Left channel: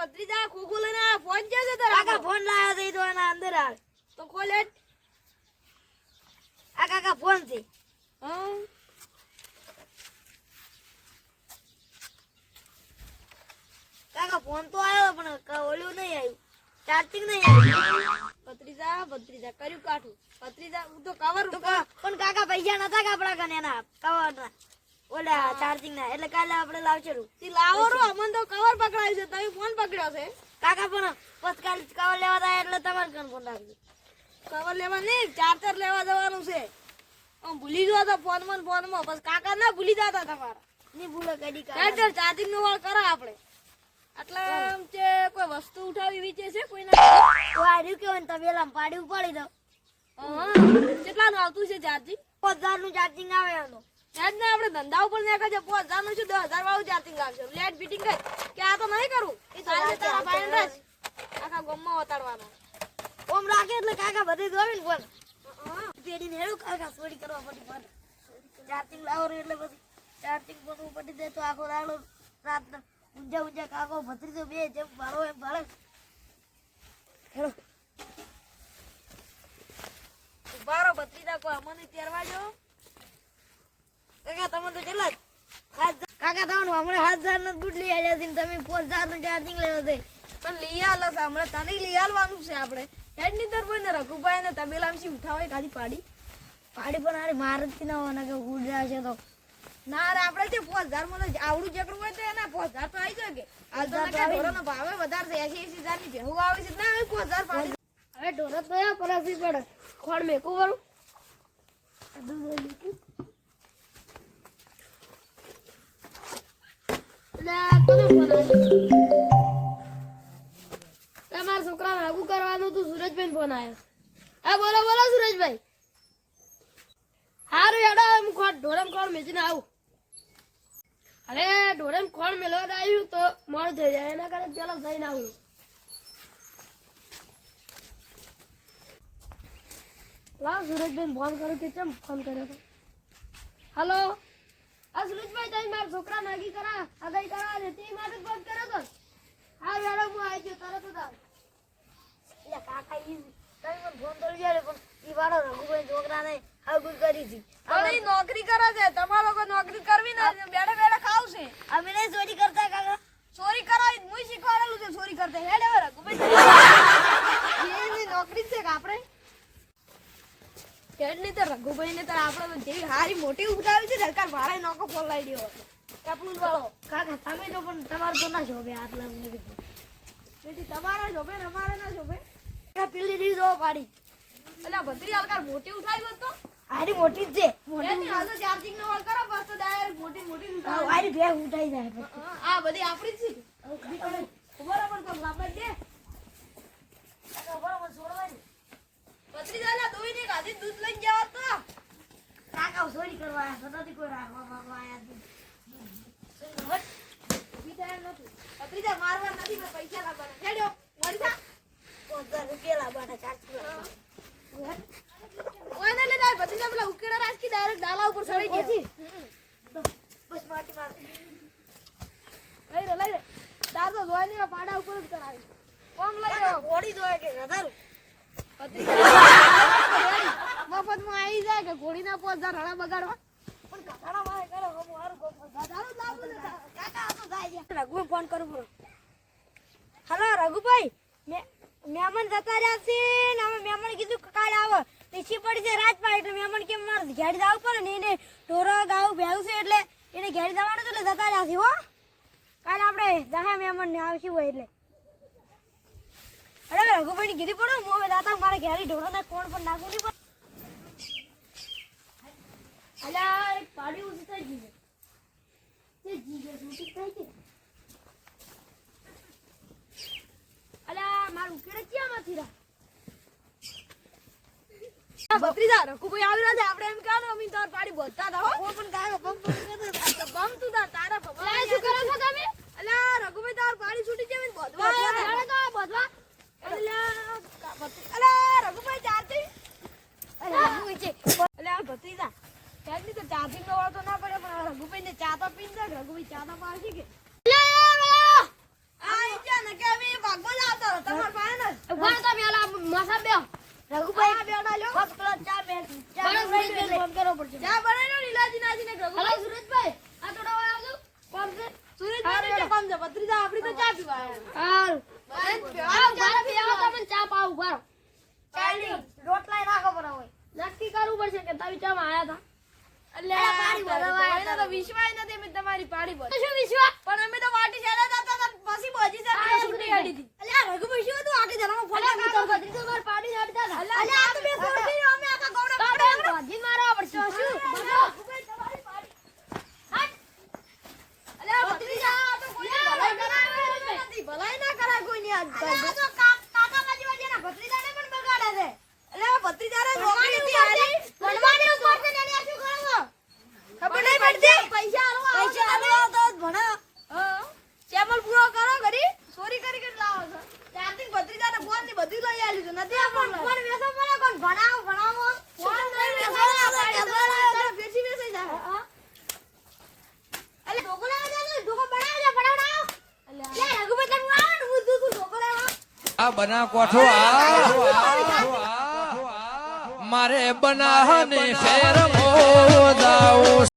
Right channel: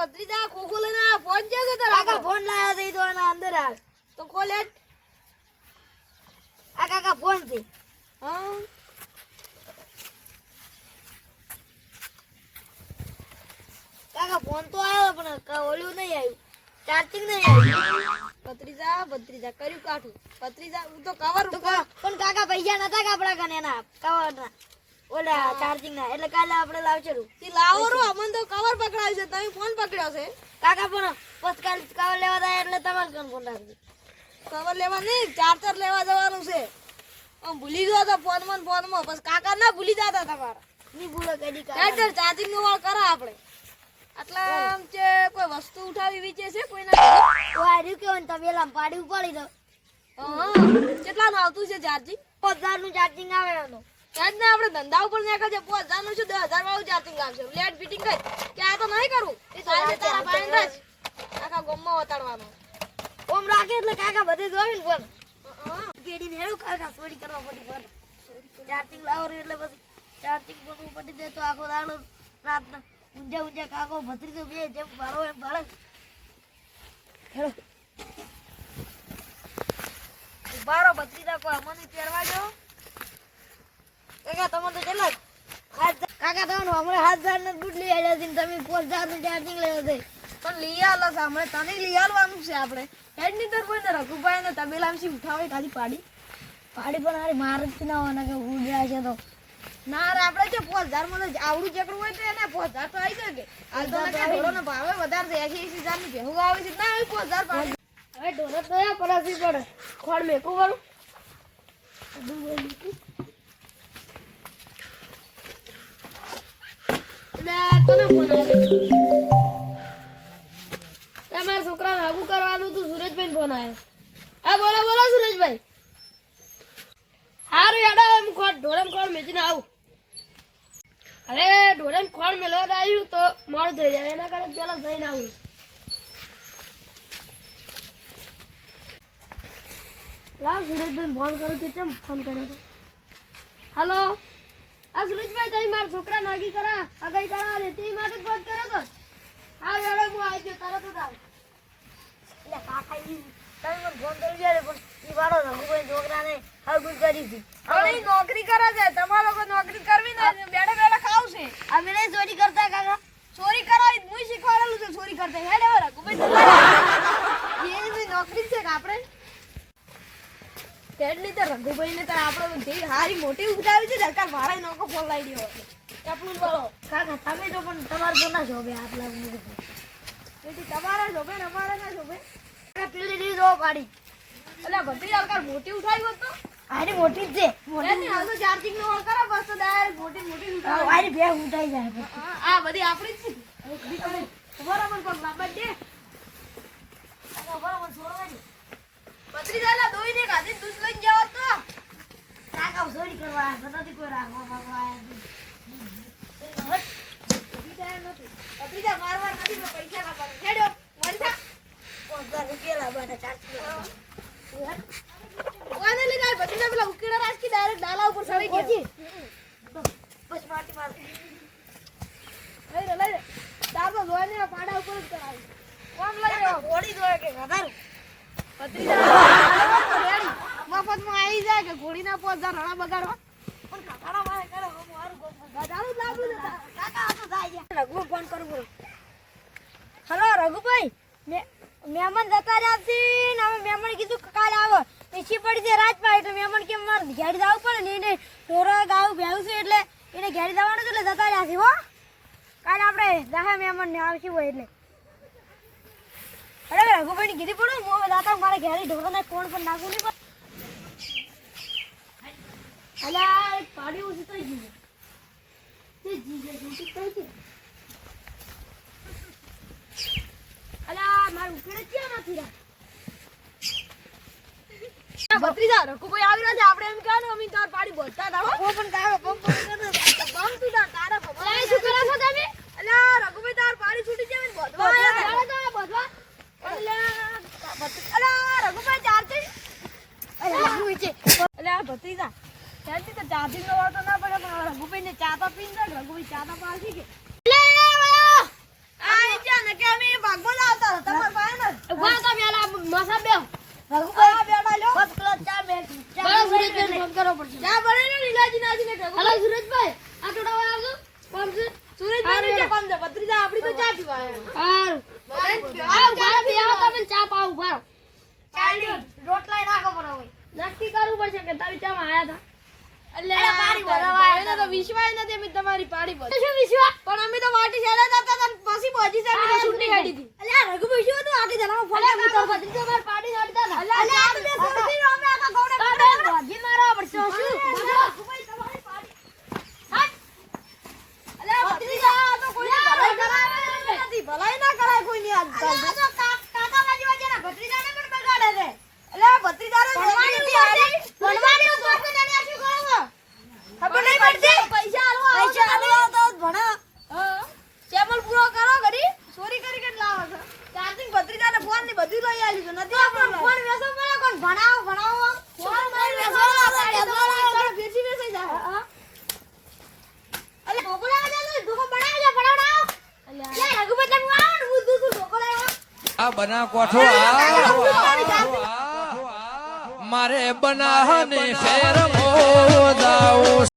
ભત્રીજા ખોખો લઈને આ ફોન ક્યાં છે તારા? કાકા ફોન લાવ્યો છે ઈ તો એના અંદર હાલ. તો ખોલ હેડ. આ કાકા ફોન છે. હા કાકા ફોન તો આવ્યો પણ ઓલું નહીં આવ્યું. ચાર્જિંગ નહીં આવ્યું. ભત્રીજા કર્યું કાઠું. ભત્રીજા હું તો કવર પણ કાકા પૈસા નતા કે આપણા કને એના કવરના ઓલા ચાર્જિંગ ના એટલે કાલે આપણે લાવશે રૂ. તી લાવો રો અમન તો કવર પકડાય છે તમે ફોન પકડ્યો છે. કાકા પણ બસ કાલે કવર લેવા થાય એટલે તમારે કન ફોન રાખજો. કવર લેવા નહીં ચાર્જર લેવા જવાનું છે. આમ ભૂલી ગયો તો ફોનમાં બસ કાકા ના ભૂલી જતા તમારા. ની ભૂલો કદી ચાર્જર ચાર્જિંગ નો વાળ કરા આપણે. આટલા આમ છે કોઈ વસ્તુ ઉઠાવી વિચે છે કોઈના? તો આ રહ્યું કેવું તબેલામાં પાડી ઉપાડી દો. કેટલાનું આવતું છે ચાર્જિંગ? 5000 નું ચાર્જિંગ આવે એનું. ત્યાં જ ને આપણે ધંધા ઉપર નાખે છે 5000 નું છે 10000 વાળું ચાર્જિંગ આવશે. લેટ ફિટિંગ કરી કે આ તો નહીં કરું એ સાંજે તારા પાણી રાખ આખા ગામમાં વતાડવાનો. ઓમ રાખે એટલે કાકા બધે જોવે ને ફોન. પેડી નેડું કાકા ચોરી કરવા પડી ફોન. ચાર્જિંગ લાવો રે એટલે પછી ચાર્જિંગ પણ પડી દે તો આખો દાડો રાતના ઊંઝા કાકો ભત્રીજો બે જેમ ભાળો એમ ભાળે. હેલો બારો ભત્રીજા કો અમને તેરવા જો. કાકા તમે તો કેટલા કાકા તમને હમણાં 7000 નું દૂધ લઈ આવ્યા છે ને તમે 5000 નું ચાર્જિંગ લેવા છે. તો લઈ આલો સામે તને લઈ આલવાનું છે આપણે. હેડ ની તો કોઈને રઘુભાઈ ને તબેલામથી ઉઠાવે ખાલી પાડી પણ અરે મારે જ ના હોવાના કે ઉડ રહ્યા છે તો ના રે આપણે જે 5000 માં આવડું ચકડું હોય તો એના 5000 તો આવી શકે. હાલ તો ઢોરોનો ભાવે વધારે છે 80000 ની ભેહું આવે છે ના 5000 પાડી. હવે ઢોર તો યા પલાસી પડે ખોડ મેકું કરું તમારા છોકરાને આગું કરવાનું તું સુરેશભાઈ ફોન આવ્યો. હા બોલો સુરેશભાઈ. હારું યાડો હું ઢોરમ ખોળ મેચીને આવું. હવે ઢોરમ ખોળ મેળવા આવ્યું તો મોડું થઈ જાય એના કારણે પેલા જઈને આવું. લાવ સુરેશભાઈ ફોન કરું કે કેમ ફોન કર્યો હતો. હલો આ સુરેશભાઈ તમે મારા છોકરા નાગી કરા અગાઈ કરા તે માટે ફોન કર્યો હતો. હા યાડો હું આવી ગયો તરત જ આવ. એટલે કાકા ઈ તમે મને ફોન કરી જાય પણ ઈ વાળો રઘુભાઈ છોકરાને હગું કરી હતી. હવે નોકરી કરે છે તમારા લોકો નોકરી કરવી ને બેઠા ખાવ છે. અમે નહીં ચોરી કરતા કાકા. ચોરી કરાવી હું શીખવાડેલું છે ચોરી કરતા. હેડ હવે રઘુભાઈ એની નોકરી છે કે આપણે તેડની તો રઘુભાઈ ને તો આપણે જે હારી મોટી ઉઠાવી છે સરકાર ભાડે નોકો ફોન લાવી દેવો કપલું વાળો. કાકા તમે તો પણ તમારે તો ના શોભે આટલા તેથી તમારા શોભે ને અમારા ના શોભે. પેલી રીત જો પાડી એટલે બધી હલકાર મોટી ઉઠાવી હોત તો આની મોટી જ છે. ચાર્જિંગ નો હોલ કરો બસ તો ડાયરેક્ટ મોટી ઉઠાવી. આની બે ઉઠાઈ જાય પછી. આ બધી આપણી જ છે. બરાબર પગ બાબા દે કાકા બરાબર છોડવાની બત્રીજાલા દોઈ ને ગાડી દૂધ લઈ જાવ તો કાકા ચોરી કરવા આવ્યા નથી કોઈ રાખવા માંગવા આવ્યા બત્રીજા મારવા નથી મેં પૈસા કાપવાના. હેડો મરજા ઉકેલા બેઠા ચાર્જિંગ ઓને લે જાય બત્રીજા પેલા ઉકેડા રાખી ડાયરેક્ટ ડાલા ઉપર ચડી ગયા. બસ માટી માર લઈ લે તાર તો જોઈને પાડા ઉપર જ કરાવી. કોમ લઈ લો ઘોડી દોય કે ગધારું મફત માં આવી જાય કે ઘોડી ના 5000 હણા બગાડવા. પણ કાકાના મારે કરે હું મારું ગોઠવા ગધારું જ લાગુ છે. કાકા આ તો જાય છે રઘુ ફોન કરું બોલો. હલો રઘુભાઈ મહેમાન જતા રહ્યા છે ને અમે મહેમાન કીધું કાલે આવો પીછી પડી છે રાજપાલ એટલે મહેમાન કે મારે ઘેરી જવું પડે ને એને ઢોરો ગાવું ભેવું છે એટલે એને ઘેરી જવાનું છે એટલે જતા રહ્યા છે હો. કાલે આપણે દહા મહેમાન ને આવશું હોય એટલે અરે રઘુભાઈ કીધી પડું હું હવે દાતા મારે ઘેરી ઢોરો ને કોણ પણ નાખું નહીં અલ્યા પાડી ઉઠી થઈ ગઈ તે જીજે ઉઠી થઈ ગઈ. અલ્યા મારું ઉકેડે ક્યાં નથી રા બત્રીજા રઘુભાઈ આવી રહ્યા છે આપણે એમ કહેવાનું અમે તાર પાડી બોલતા હતા હો. ઓ પણ તારો બમ તું તારા ભગવાન શું કરો છો તમે? અલ્યા રઘુભાઈ તાર પાડી છૂટી જાય ને બોધવા બોધવા અલ્યા રઘુભાઈ ચાર્જિંગ અલ્યા ભત્રીજા ચાર્જિંગ તો ચાર્જિંગ નો વાળો તો ના પડે પણ રઘુભાઈ ને ચા તો પીને રઘુભાઈ ચા તો પાછી કે આ ઈચ્છા ને કે માથા બેહો. રઘુભાઈ બેડા લ્યો બસ પેલા ચા બે ચાલો, સુરેશભાઈને ફોન કરવો પડશે. ચા બનાવીને લીલાજી નાજીને હલો, સુરેશભાઈ, આ ટોળાવાળા આવજો. કોણ છે? સુરેશભાઈ ને કામ છે ભત્રીજા આપડી તો ચા પીવા હારું. આવ્યા આવો, ઘરે બી આવો, તમે ચા પાવ ઉભા રહો. ચાલી રોટલા રાખો પડે હોય નક્કી કરવું પડશે કે તમે ચામાં આયા હતા. એટલે પાડી ભરવા એને તો વિશ્વાસ નથી અમે તમારી પાડી ભર શું વિશ્વાસ? પણ અમે તો વાટી ચાલે જતા હતા પછી પહોંચી જાય આ છૂટી કાઢી હતી એટલે રઘુભાઈ શું હતું આટી જણાવો ફોન અલ્યા, મેં તો ભત્રીજો માર પાડી નાખતા હતા. એટલે આ તો બે સોરકી અમે આખા ગોણા તારે ભાગી મારવા પડશે. શું? બોલો. રઘુભાઈ તમારી પાડી એટલે ભત્રીજા આ તો કોઈ ભલાઈ કરાવે નથી ભલાઈ ના કરાય કોઈ ની આજ તો કાકા બાજી વાજીના ભત્રીજાને પણ બગાડે છે એટલે આ ભત્રીજાને ભણવાની ઉપર છે એને આ શું કરો ખબર નહીં પડતી પૈસા આલો તો ભણે ચેમલ પૂરો કરો ઘરી ચોરી કરી કે લાવો છો ચાર્જિંગ ભત્રીજાને ફોન ની બધું લઈ આલ્યું છે નથી આપણને ફોન વેસો પડે કોણ ભણાવો ફોન નહીં વેસો બેસી બેસી જાય અલે ઢોકળા આલે ઢોકો બનાવજો લે રઘુભાઈ તમે આવો હું દૂધ ઢોકળા આ બના કોઠો મારે બનાહની શેર મો જાઉં